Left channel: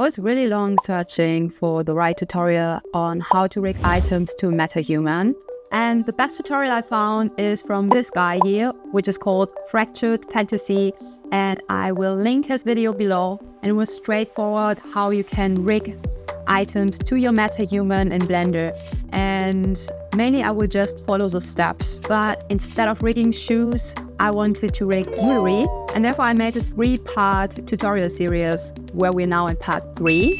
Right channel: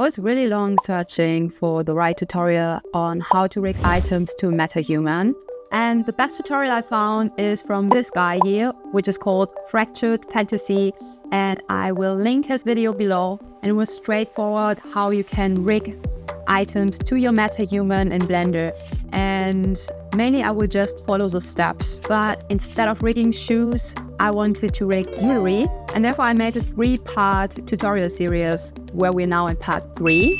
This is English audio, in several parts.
I was really long searching for the right tutorial on how to rig items to Metahuman. And the best tutorial I found is from this guy here, which is called Fractured Fantasy. And I will link his video below. And it was straightforward how you can rig items to your Metahuman in Blender. And mainly I will just follow the steps. But instead of rigging shoes, I wanted to rig jewelry. And therefore I made a 3-part tutorial series where we're now in part 3.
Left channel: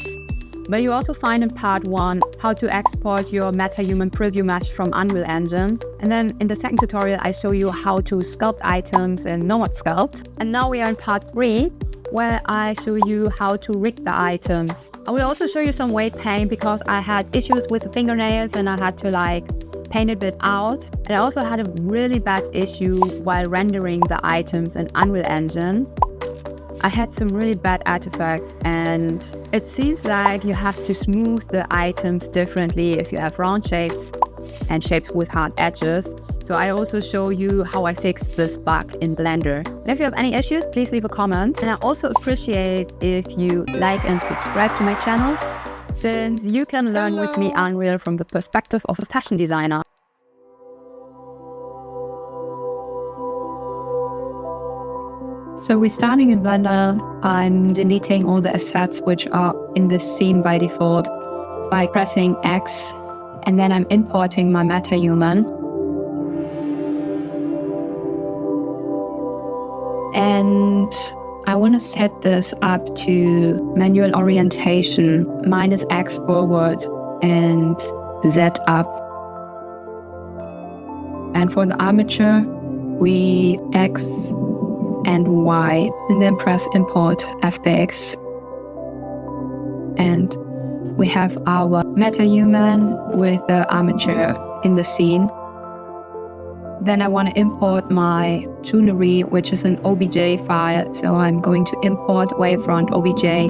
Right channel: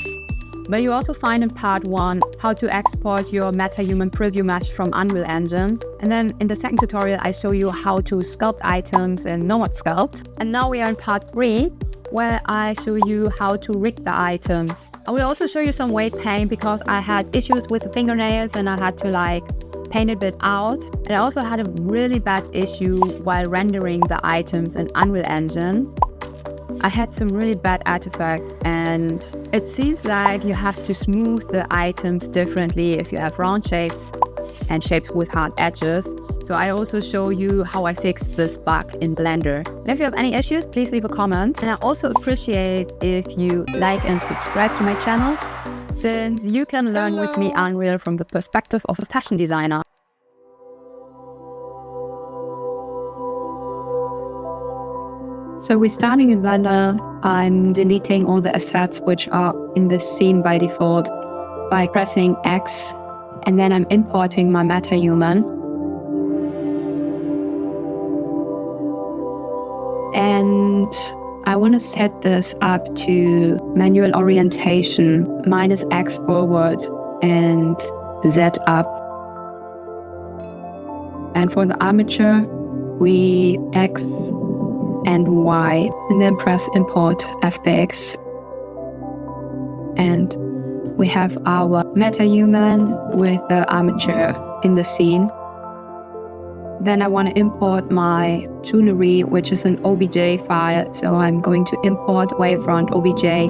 But you also find in part 1 how to export your Metahuman preview mesh from Unreal Engine. And then in the second tutorial, I show you how to sculpt items in Nomad Sculpt. And now we are in part 3, where I show you how to rig the items. I will also show you some weight paint because I had issues with the fingernails and I had to paint a bit out. And I also had a really bad issue while rendering the items in Unreal Engine. I had some really bad artifacts, and it seems like you have to smooth the items differently if you have round shapes and shapes with hard edges. So I also show you how I fixed this bug in Blender. And if you have any issues, please leave a comment. And I also appreciate if you like and subscribe to my channel, since you can learn with me Unreal from the perspective of a fashion designer. So we're starting in Blender. I'm deleting all the assets which are in the scene by default by pressing X, and then I'm importing my Metahuman. And I want to set this up to manual orientation, -X forward and Z up. And for the armature, we X and Y, and then press import FBX. And we have our Metahuman with the armature in the scene. Then I want to import my jewelry, which is an OBJ file. So I'm going to import wavefront OBJ.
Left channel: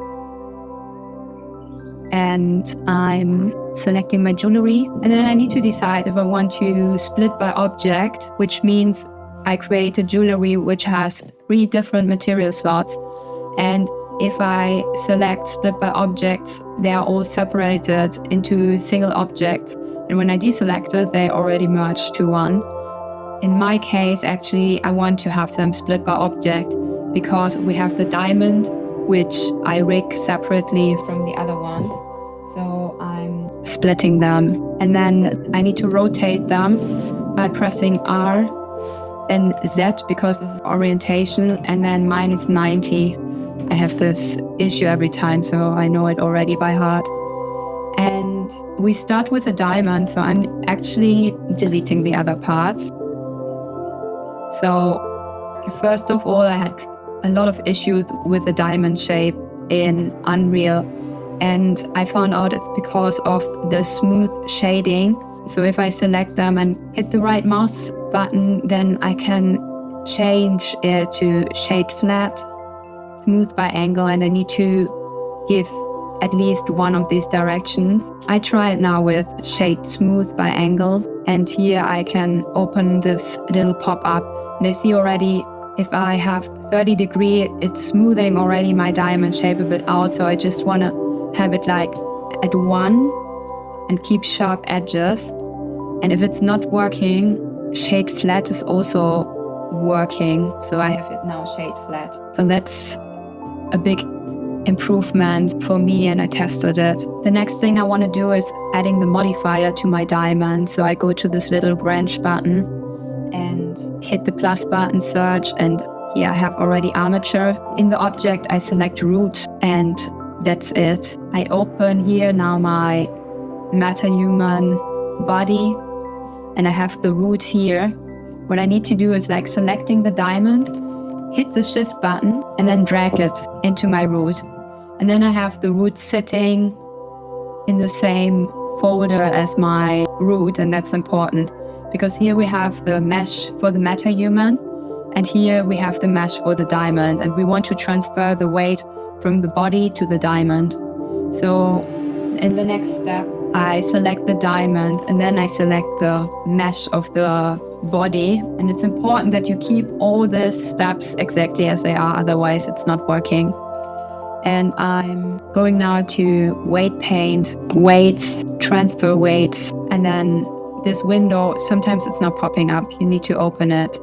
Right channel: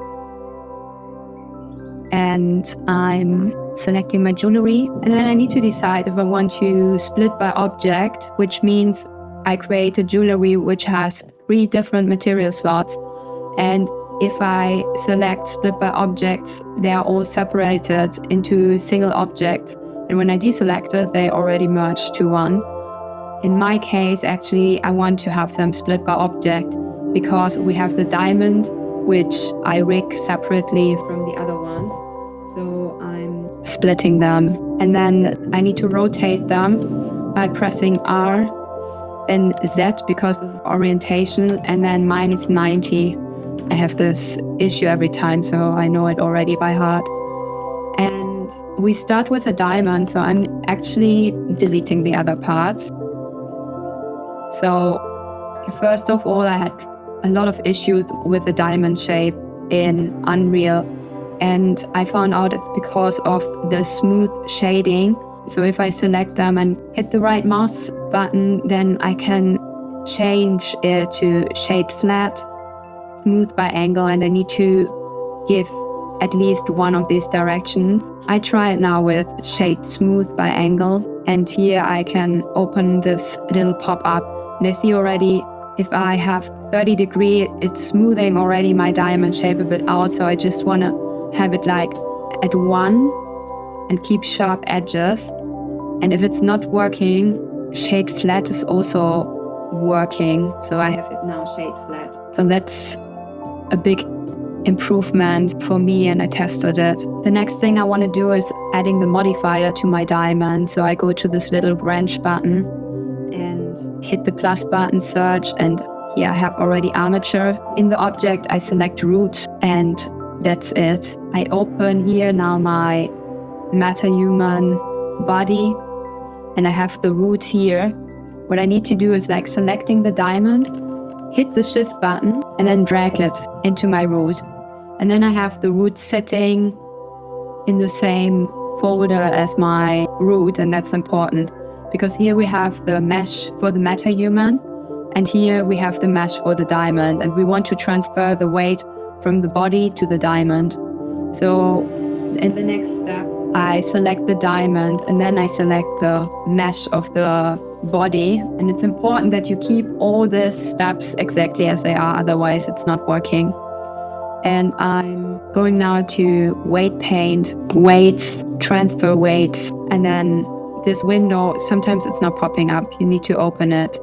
And I'm selecting my jewelry. And then I need to decide if I want to split by object, which means I create a jewelry which has 3 different material slots. And if I select split by objects, they are all separated into single objects. And when I deselect it, they already merge to one. In my case, actually, I want to have them split by object because we have the diamond, which I rig separately from the other ones. So I'm splitting them. And then I need to rotate them by pressing R and Z because this is orientation, and then -90. I have this issue every time, so I know it already by heart. And we start with a diamond, so I'm actually deleting the other parts. So first of all, I had a lot of issues with the diamond shape in Unreal, and I found out it's because of the smooth shading. So if I select them and hit the right mouse button, then I can change it to shade flat, smooth by angle, and I need to give at least one of these directions. I try it now with shade smooth by angle, and here I can open this little pop-up. And I see already if I have 30 degree, it's smoothing already my diamond shape a bit out. So I just want to have it at 1 and keep sharp edges. And if it's not working, shade flat is also working. So I have it now shade flat. So that's a big improvement for me, and I tested it. The next thing I want to do is adding the modifier to my diamond. So I go to this little branch button and hit the plus button, search, and here I have already armature. In the object, I select root, and that's it. I open here now my Metahuman body, and I have the root here. What I need to do is selecting the diamond, hit the shift button, and then drag it into my root. And then I have the root sitting in the same folder as my root, and that's important because here we have the mesh for the Metahuman, and here we have the mesh for the diamond, and we want to transfer the weight from the body to the diamond. So in the next step, I select the diamond, and then I select the mesh of the body. And it's important that you keep all these steps exactly as they are, otherwise it's not working. And I'm going now to weight paint, weights, transfer weights, and then this window, sometimes it's not popping up. You need to open it.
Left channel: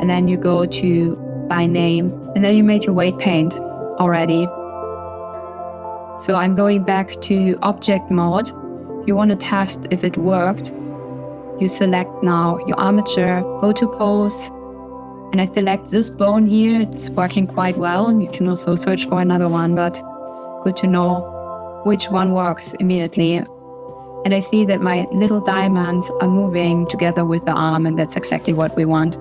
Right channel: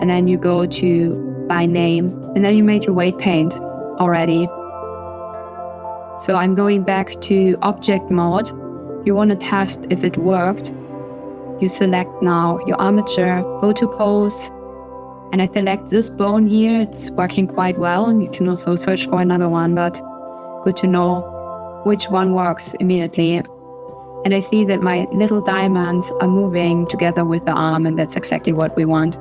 And then you go to by name, and then you made your weight paint already. So I'm going back to object mode. You want to test if it worked. You select now your armature, go to pose, and I select this bone here. It's working quite well. You can also search for another one, but good to know which one works immediately. And I see that my little diamonds are moving together with the arm, and that's exactly what we want.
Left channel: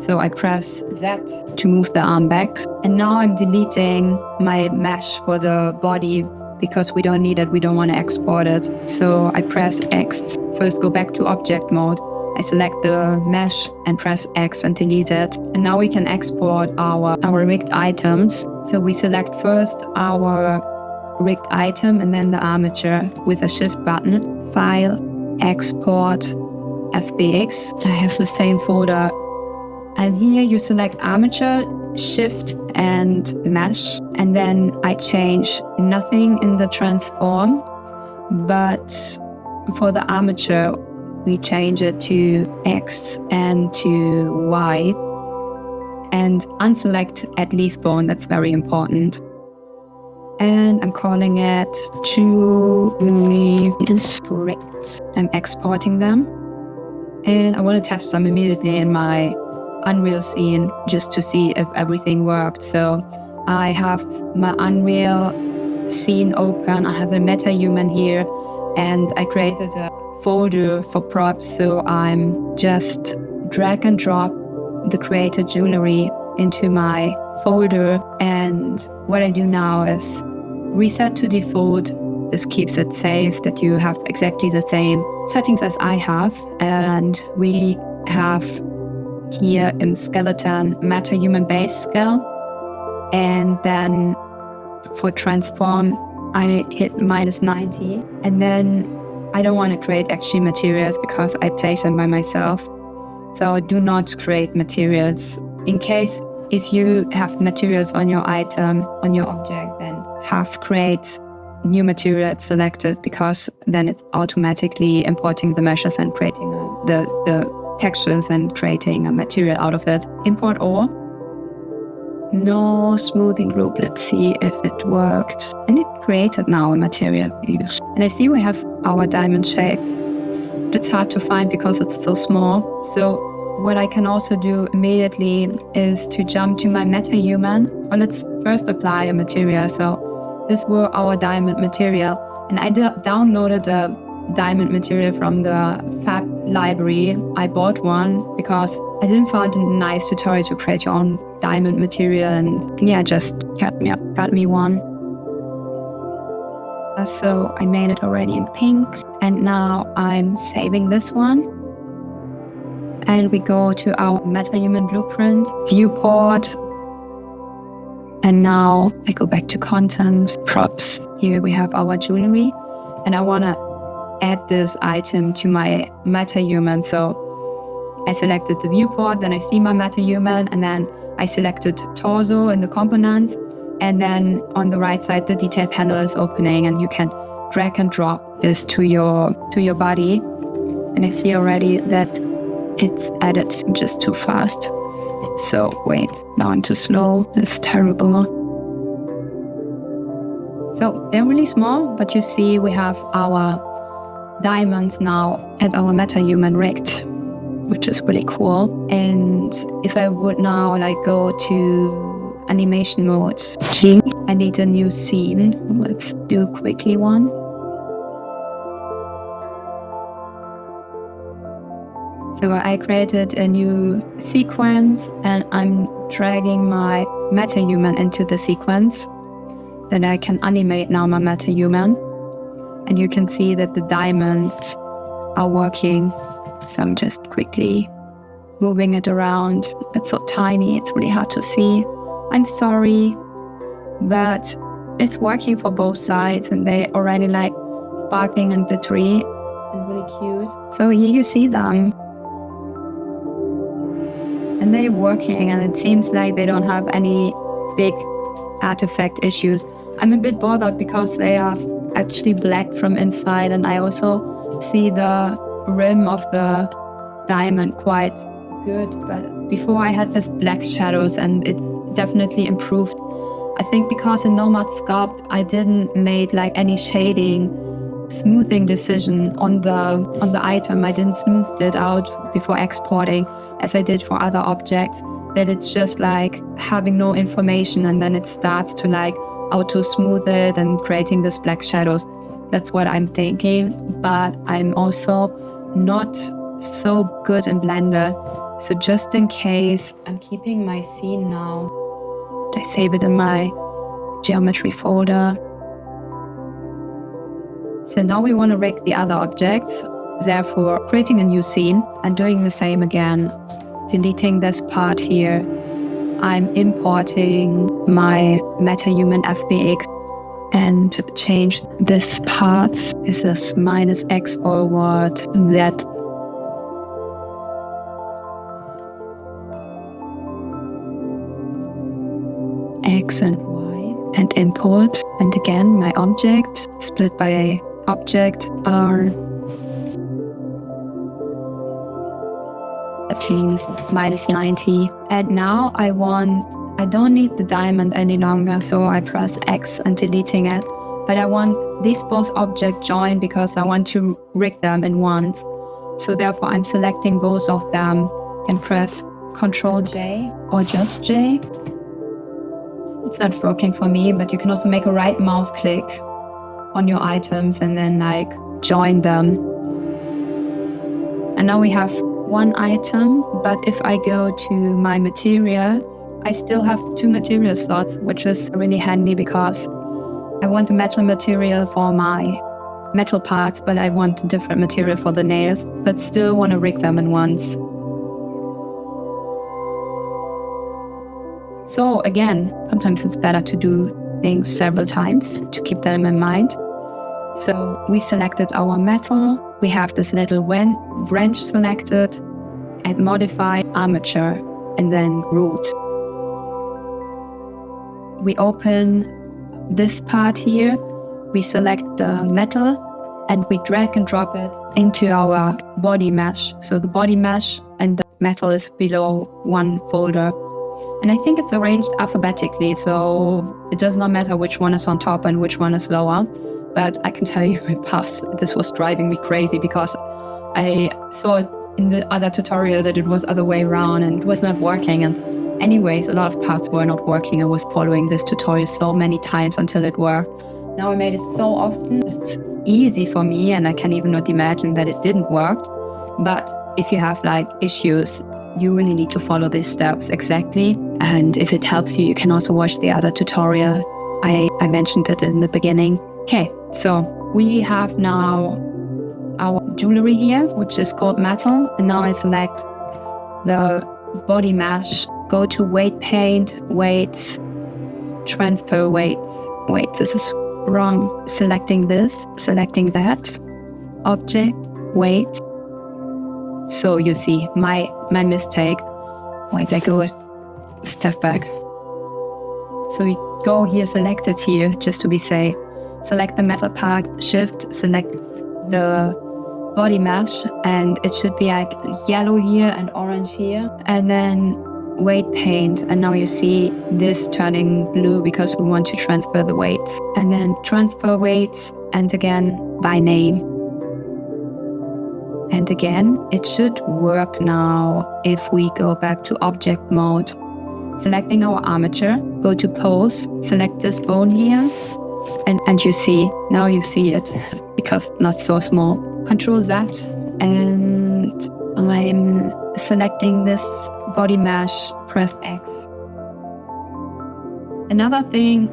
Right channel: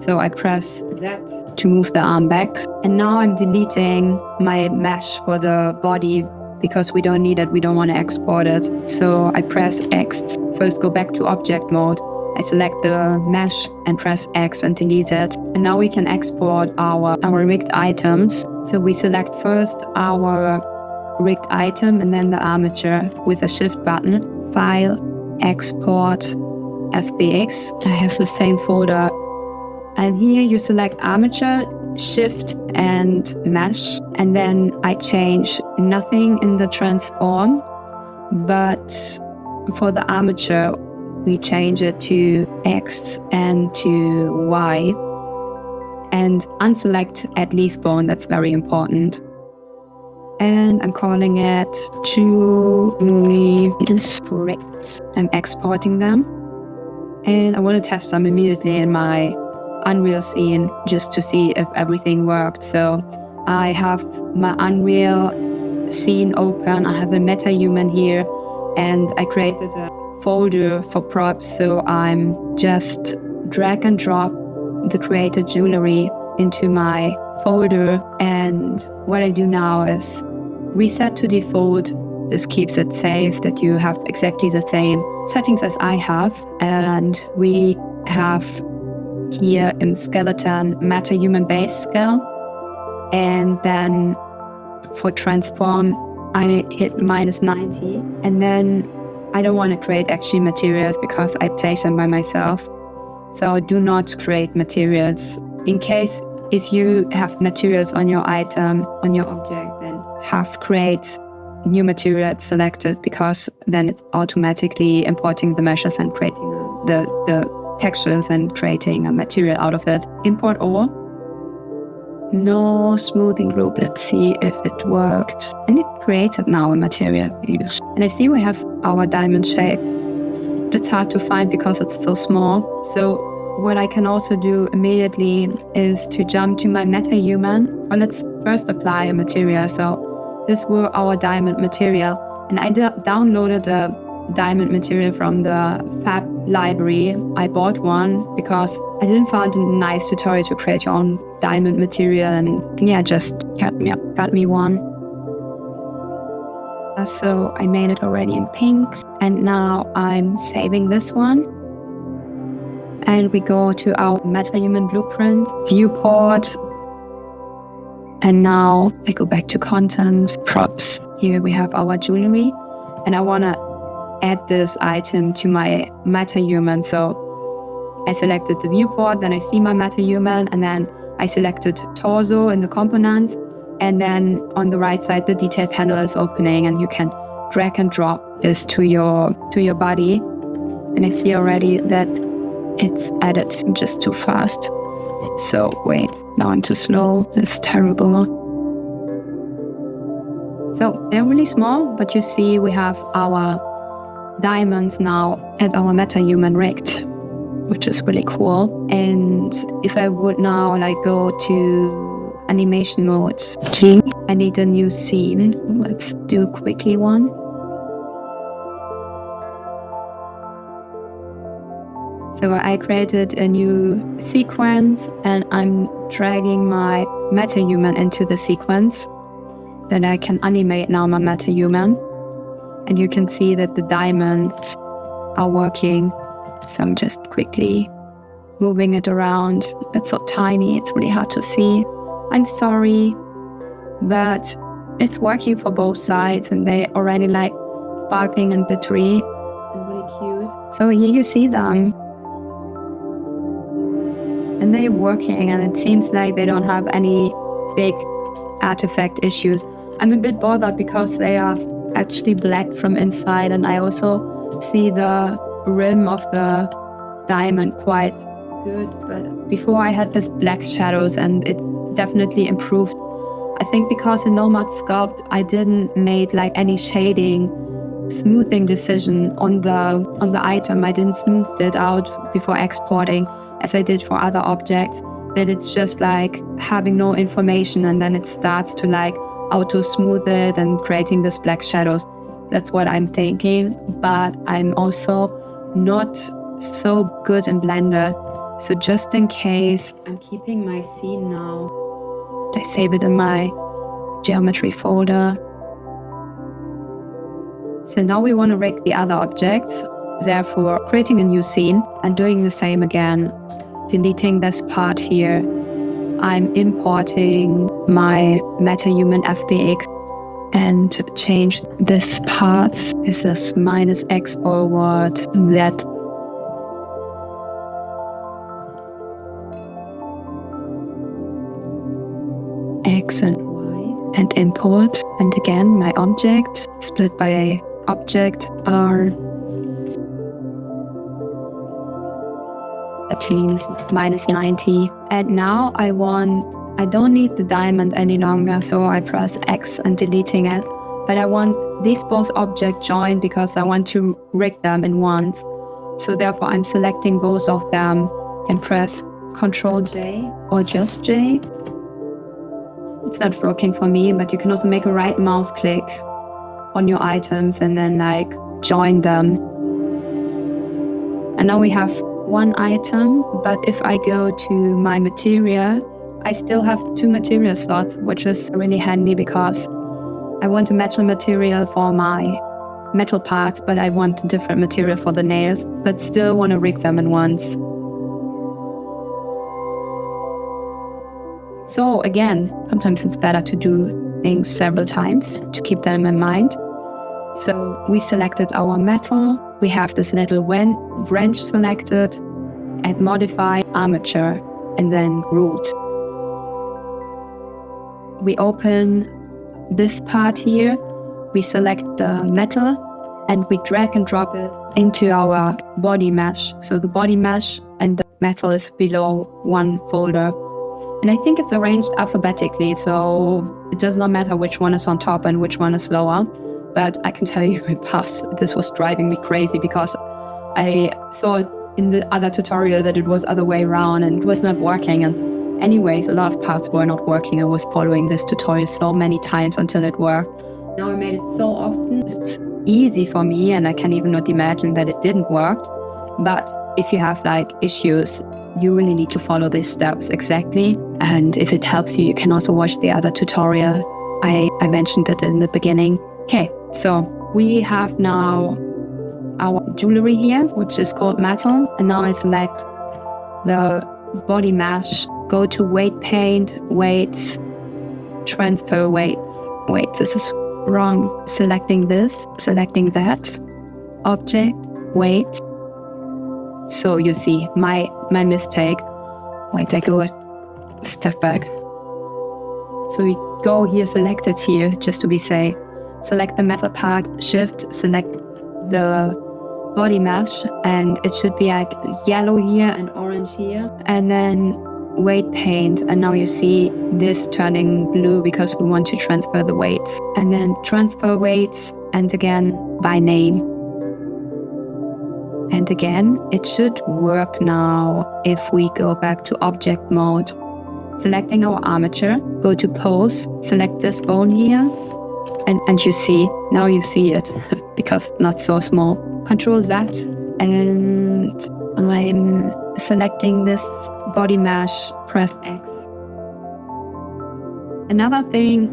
So I press Z to move the arm back. And now I'm deleting my mesh for the body because we don't need it. We don't want to export it. So I press X. First go back to object mode. I select the mesh and press X and delete it. And now we can export our rigged items. So we select first our rigged item and then the armature with a shift button. File, export, FBX. I have the same folder. And here you select armature, shift and mesh. And then I change nothing in the transform, but for the armature, we change it to X and to Y. And unselect add leaf bone, that's very important. And I'm calling it Strict. I'm exporting them. And I want to test them immediately in my Unreal scene just to see if everything worked. So I have my Unreal scene open. I have a Metahuman here, and I created a folder for props. So I'm just drag and drop the created jewelry into my folder. And what I do now is reset to default. This keeps it safe that you have exactly the same settings as I have. And we have here in skeleton Metahuman base scale. And then for transform, I hit -90. And then I don't want to create actually materials because I place them by myself. So do not create materials. In case if you have materials on your item, on your object, then have create new materials selected, because then it's automatically importing the meshes and creating the textures and creating a material out of it. Import all. No smoothing group. Let's see if it worked. And it created now a material. And I see we have our diamond shape. But it's hard to find because it's so small. So what I can also do immediately is to jump to my Metahuman. Well, let's first apply a material. So this were our diamond material. And I downloaded a diamond material from the Fab library. I bought one because I didn't find a nice tutorial to create your own diamond material, and yeah, just got me one. So I made it already in pink, and now I'm saving this one. And we go to our Metahuman blueprint, viewport, and now I go back to content, props. Here we have our jewelry, and I want to add this item to my Metahuman. So I selected the viewport, then I see my Metahuman, and then I selected torso in the components, and then on the right side the detail panel is opening, and you can drag and drop this to your body. And I see already that it's added just too fast. So wait, now I'm too slow. That's terrible. So they're really small, but you see we have our diamonds now and our Metahuman rigged, which is really cool. And if I would now go to animation mode G, I need a new scene. Let's do quickly one. So I created a new sequence, and I'm dragging my Metahuman into the sequence. Then I can animate now my Metahuman. And you can see that the diamonds are working. So I'm just quickly moving it around. It's so tiny, it's really hard to see. I'm sorry, but it's working for both sides, and they already sparkling and glittery and really cute. So here you see them. And they're working, and it seems like they don't have any big artifact issues. I'm a bit bothered because they are actually black from inside, and I also see the rim of the diamond quite good. But before I had this black shadows, and it definitely improved. I think because in Nomad Sculpt I didn't make like any shading, smoothing decision on the item. I didn't smooth it out before exporting as I did for other objects. That it's just like having no information, and then it starts to like auto smooth it and creating this black shadows. That's what I'm thinking, but I'm also not so good in Blender. So just in case, I'm keeping my scene now. I save it in my geometry folder. So now we want to rig the other objects. Therefore, creating a new scene and doing the same again. Deleting this part here. I'm importing my Metahuman FBX and change this part. This is -X forward, that. X and Y, and import. And again, my object split by object R. Settings -90. And now I don't need the diamond any longer, so I press X and deleting it. But I want these both objects joined because I want to rig them in once. So therefore I'm selecting both of them and press Ctrl J or just J. It's not working for me, but you can also make a right mouse click on your items and then like join them. And now we have one item, but if I go to my materials, I still have 2 material slots, which is really handy because I want a metal material for my metal parts, but I want a different material for the nails, but still want to rig them in once. So again, sometimes it's better to do things several times to keep them in mind. So we selected our metal, we have this little wrench selected, and modify armature, and then root. We open this part here, we select the metal, and we drag and drop it into our body mesh. So the body mesh and the metal is below one folder. And I think it's arranged alphabetically, so it does not matter which one is on top and which one is lower. But I can tell you in the past, this was driving me crazy because I saw in the other tutorial that it was other way around and it was not working. And anyways, a lot of parts were not working. I was following this tutorial so many times until it worked. Now I made it so often, it's easy for me, and I can even not imagine that it didn't work. But if you have like issues, you really need to follow these steps exactly. And if it helps you, you can also watch the other tutorial. I mentioned it in the beginning. Okay, so we have now our jewelry here, which is called metal. And now I select the body mesh, go to weight paint, weights, transfer weights. Wait, this is wrong. Selecting this, selecting that, object, weight. So you see my mistake. Wait, I go a step back. So we go here, select it here, just to be safe. Select the metal part, shift, select the body mesh, and it should be like yellow here and orange here. And then weight paint, and now you see this turning blue because we want to transfer the weights. And then transfer weights, and again by name. And again, it should work now if we go back to object mode. Selecting our armature, go to pose, select this bone here, and you see, now you see it, because it's not so small. Control Z, and I'm selecting this body mesh, press X. Another thing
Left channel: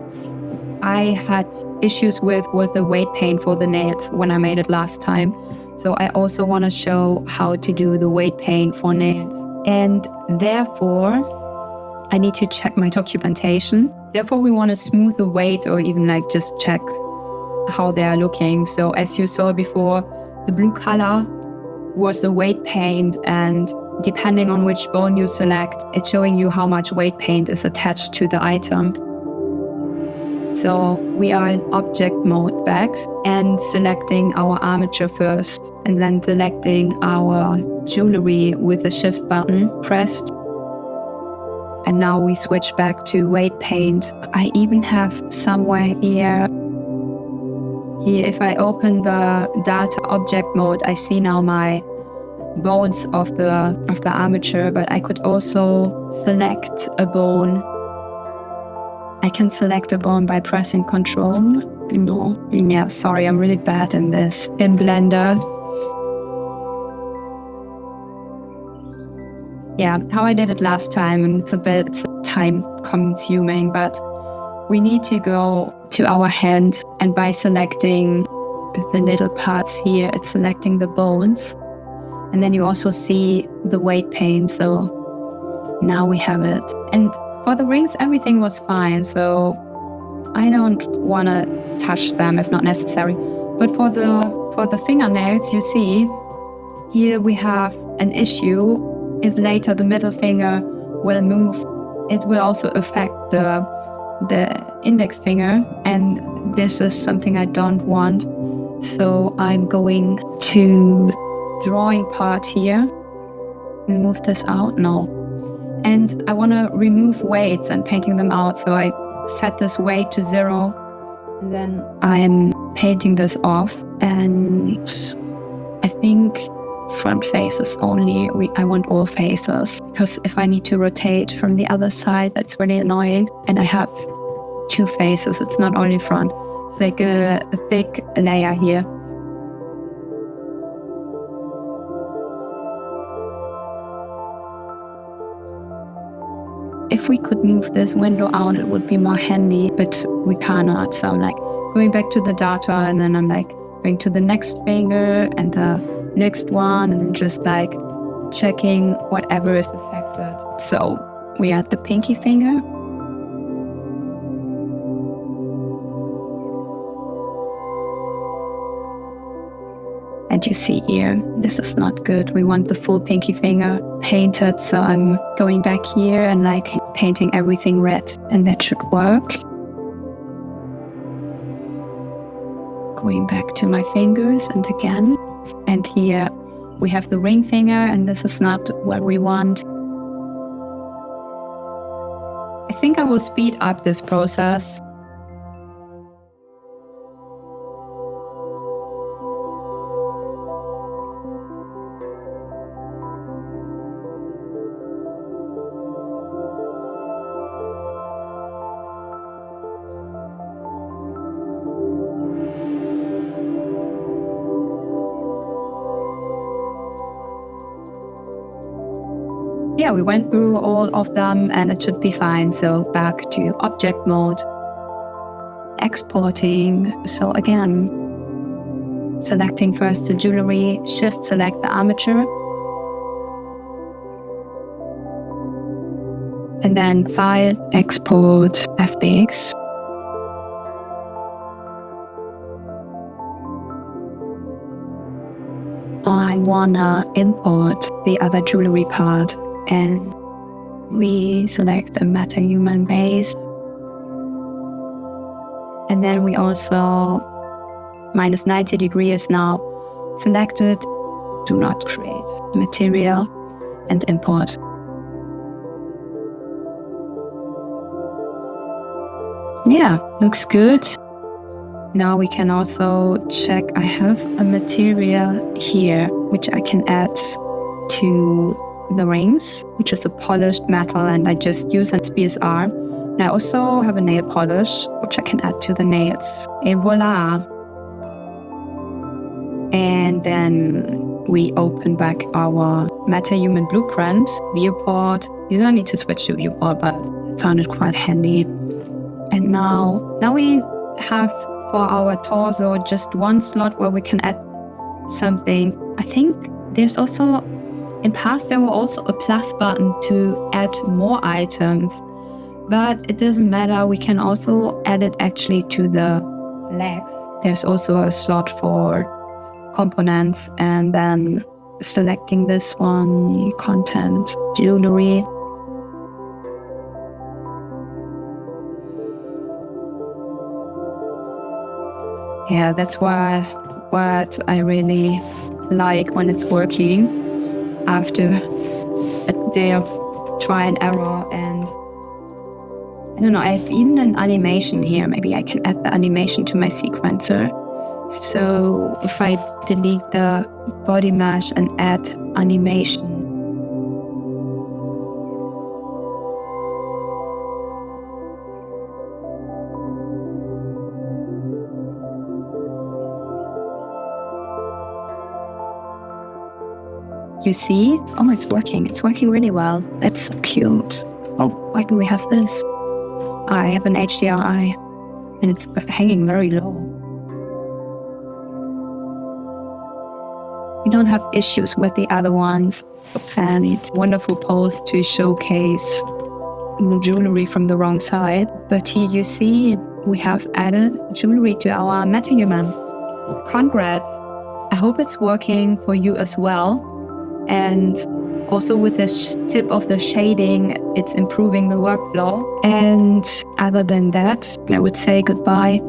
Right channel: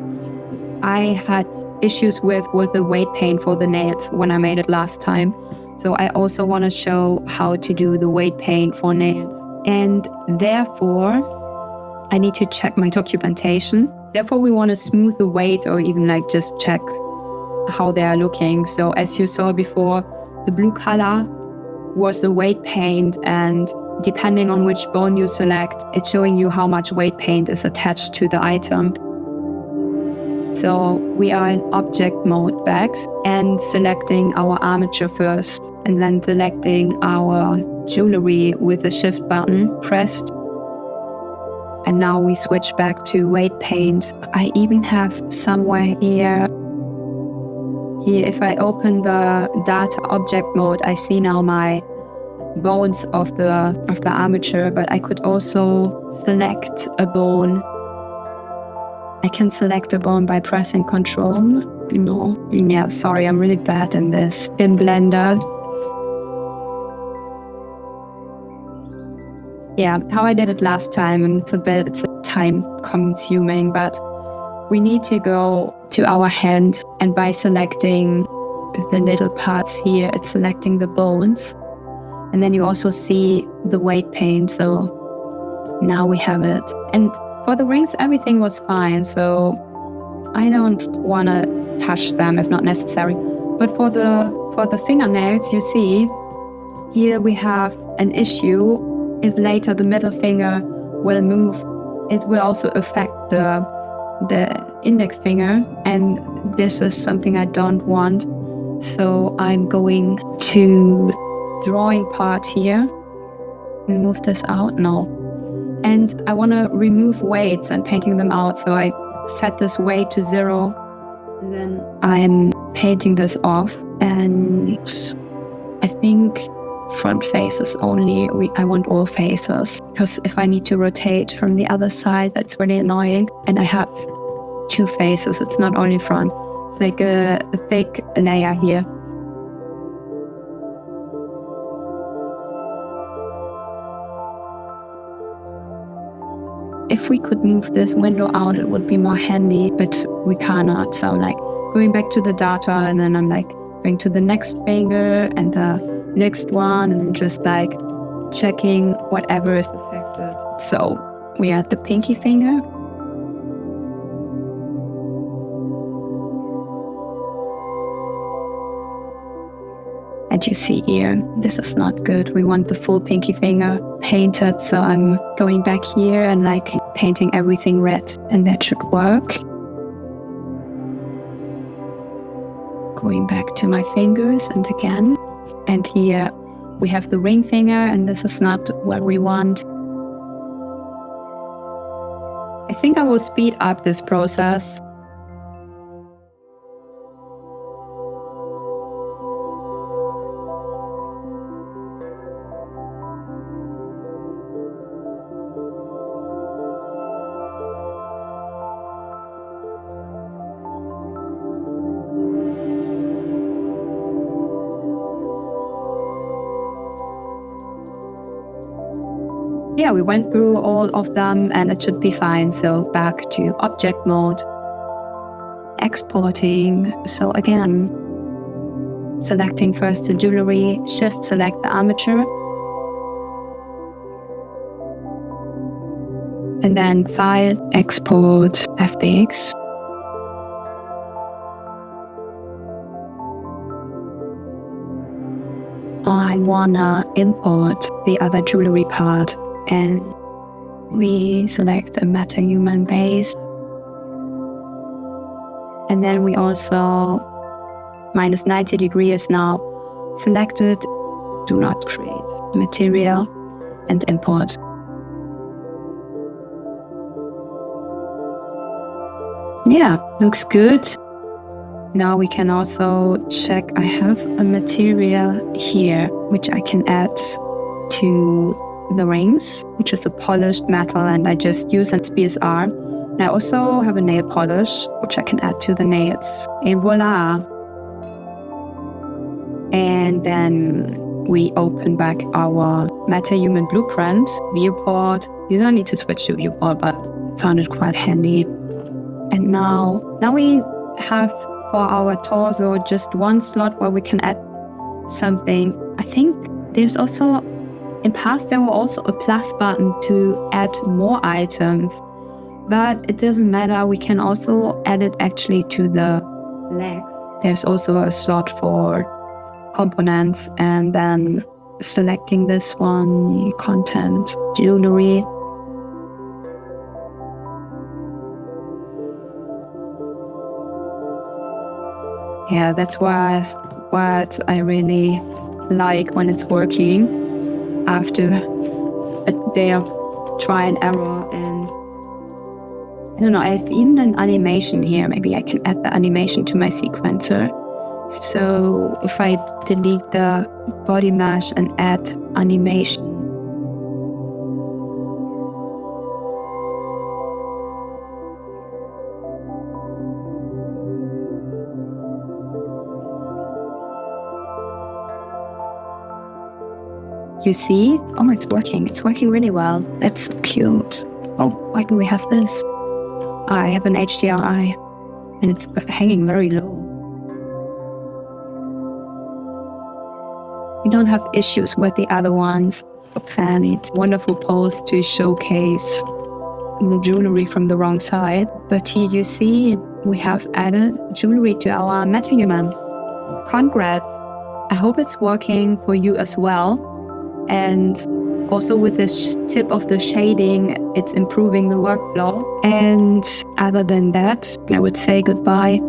I had issues with the weight paint for the nails when I made it last time. So I also want to show how to do the weight paint for nails. And therefore, I need to check my documentation. Therefore, we want to smooth the weights or even like just check how they are looking. So as you saw before, the blue color was the weight paint, and depending on which bone you select, it's showing you how much weight paint is attached to the item. So we are in object mode back and selecting our armature first, and then selecting our jewelry with the shift button pressed. And now we switch back to weight paint. I even have somewhere here, if I open the data object mode, I see now my bones of the armature, but I could also select a bone. I can select a bone by pressing Control. Yeah, sorry, I'm really bad in this in Blender. Yeah, how I did it last time, and it's a bit time consuming, but we need to go to our hand, and by selecting the little parts here, it's selecting the bones. And then you also see the weight paint, so now we have it. And for the rings, everything was fine, so I don't want to touch them if not necessary. But for the fingernails, you see, here we have an issue. If later the middle finger will move, it will also affect the index finger, and this is something I don't want. So I'm going to drawing part here and move this out. No. And I want to remove weights and painting them out. So I set this weight to 0. And then I'm painting this off. And I think front faces only. I want all faces. Because if I need to rotate from the other side, that's really annoying. And I have 2 faces. It's not only front. It's like a thick layer here. If we could move this window out, it would be more handy, but we cannot. So I'm like going back to the data, and then I'm like going to the next finger and the next one, and just like checking whatever is affected. So we have the pinky finger. And you see here, this is not good. We want the full pinky finger painted. So I'm going back here and like painting everything red, and that should work. Going back to my fingers and again. And here we have the ring finger, and this is not what we want. I think I will speed up this process. Yeah, we went through all of them and it should be fine. So back to object mode, exporting. So again, selecting first the jewelry, shift select the armature, and then file, export, FBX. I wanna import the other jewelry part, and we select the Metahuman base, and then we also minus 90 degrees now selected. Do not create material and import. Yeah, looks good. Now we can also check. I have a material here which I can add to the rings, which is a polished metal, and I just use it as BSR. And I also have a nail polish which I can add to the nails. Et voila! And then we open back our Metahuman blueprint viewport. You don't need to switch to viewport, but I found it quite handy. And now we have for our torso just one slot where we can add something. I think there's also, in past there was also a plus button to add more items, but it doesn't matter. We can also add it actually to the legs. There's also a slot for components, and then selecting this one, content, jewelry. Yeah, that's what I really like when it's working after a day of try and error. And I don't know, I have even an animation here. Maybe I can add the animation to my sequencer. So if I delete the body mesh and add animation, you see? Oh, it's working. It's working really well. That's so cute. Oh, why can we have this? I have an HDRI and it's hanging very low. We don't have issues with the other ones. And it's a wonderful pose to showcase the jewelry from the wrong side. But here you see we have added jewelry to our Metahuman. Congrats. I hope it's working for you as well. And also with the tip of the shading, it's improving the workflow. And other than that, I would say goodbye.